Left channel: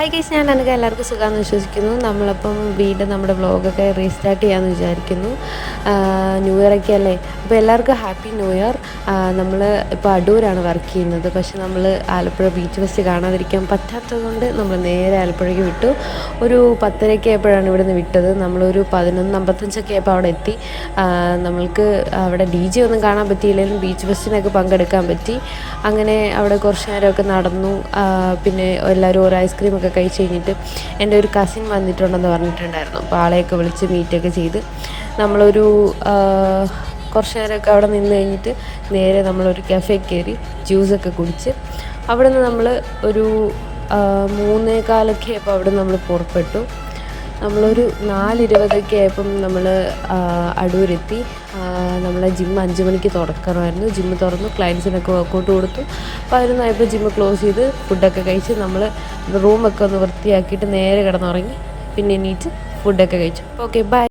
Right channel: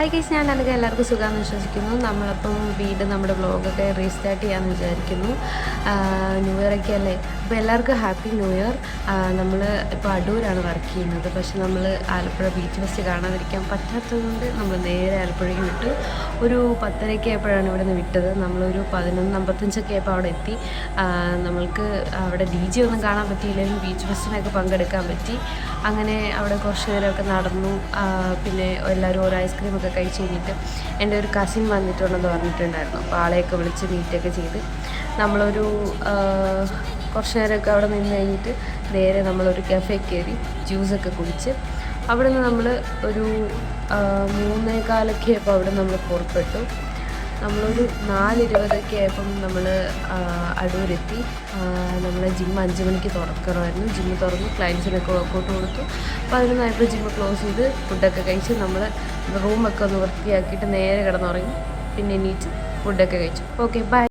Hi guys, ഞാൻ എനിക്ക് എല്ലാവർക്കും സുഖമാണെന്ന് വിശ്വസിക്കുന്നു. നമ്മളിപ്പം വീണ്ടും നമ്മുടെ വ്ളോഗൊക്കെ റീസ്റ്റാർട്ട് ചെയ്യാമെന്ന് വിചാരിക്കുന്നു. ന്യൂ ഇയർ ഒക്കെ അല്ലേ, അപ്പോൾ എല്ലാവർക്കും ഹാപ്പി ന്യൂ ഇയർ. നമ്മൾ ഇപ്പോൾ അടൂരാണ് വർക്ക് ചെയ്യുന്നത്. പക്ഷെ നമ്മൾ ആലപ്പുഴ ബീച്ച് ഫെസ്റ്റ് കാണാതിരിക്കാൻ പറ്റാത്തത് കൊണ്ട് നമ്മൾ നേരെ ആലപ്പുഴയ്ക്ക് വിട്ടു. ഒരു 10:30 ആയപ്പോഴാണ് ഇവിടെ നിന്ന് വിട്ടത്. നമ്മളൊരു 11:55 ആയപ്പോൾ അവിടെ എത്തി. നമ്മൾക്ക് അവിടെ DJ ഒന്നും കാണാൻ പറ്റിയില്ലെങ്കിലും ബീച്ച് ഫെസ്റ്റിനൊക്കെ പങ്കെടുക്കാൻ പറ്റി. അങ്ങനെ അവിടെ കുറച്ച് നേരമൊക്കെ നടന്നു. പിന്നെ എല്ലാവരും ഒരു ഐസ്ക്രീമൊക്കെ കഴിച്ച് കഴിഞ്ഞിട്ട് എൻ്റെ ഒരു കസിൻ വന്നിട്ടുണ്ടെന്ന് പറഞ്ഞിട്ടുണ്ടായിരുന്നു. അപ്പോൾ ആളെയൊക്കെ വിളിച്ച് മീറ്റൊക്കെ ചെയ്ത് നമ്മളൊരു കുറച്ച് നേരമൊക്കെ അവിടെ നിന്ന് കഴിഞ്ഞിട്ട് നേരെ നമ്മളൊരു കഫേ കയറി ജ്യൂസൊക്കെ കുടിച്ച് അവിടെ നിന്ന് നമ്മൾ ഒരു 3:15 ആയപ്പോൾ അവിടെ നമ്മൾ പുറപ്പെട്ടു. നമ്മളൊരു 4:20 ആയപ്പം നമ്മൾ അടൂരെത്തി. നമ്മളെ ജിം 5 മണിക്ക് തുറക്കണമായിരുന്നു. ജിമ്മ് തുറന്ന് ക്ലയൻസിനൊക്കെ വർക്കൗട്ട് കൊടുത്തു. 11 ആയപ്പോൾ ജിമ്മ് ക്ലോസ് ചെയ്ത് ഫുഡൊക്കെ കഴിച്ച് നമ്മൾ റൂമൊക്കെ ഒന്ന് വൃത്തിയാക്കിയിട്ട് നേരെ കിടന്നുറങ്ങി. പിന്നെ എണീറ്റ് ഫുഡൊക്കെ കഴിച്ചു. Okay, by.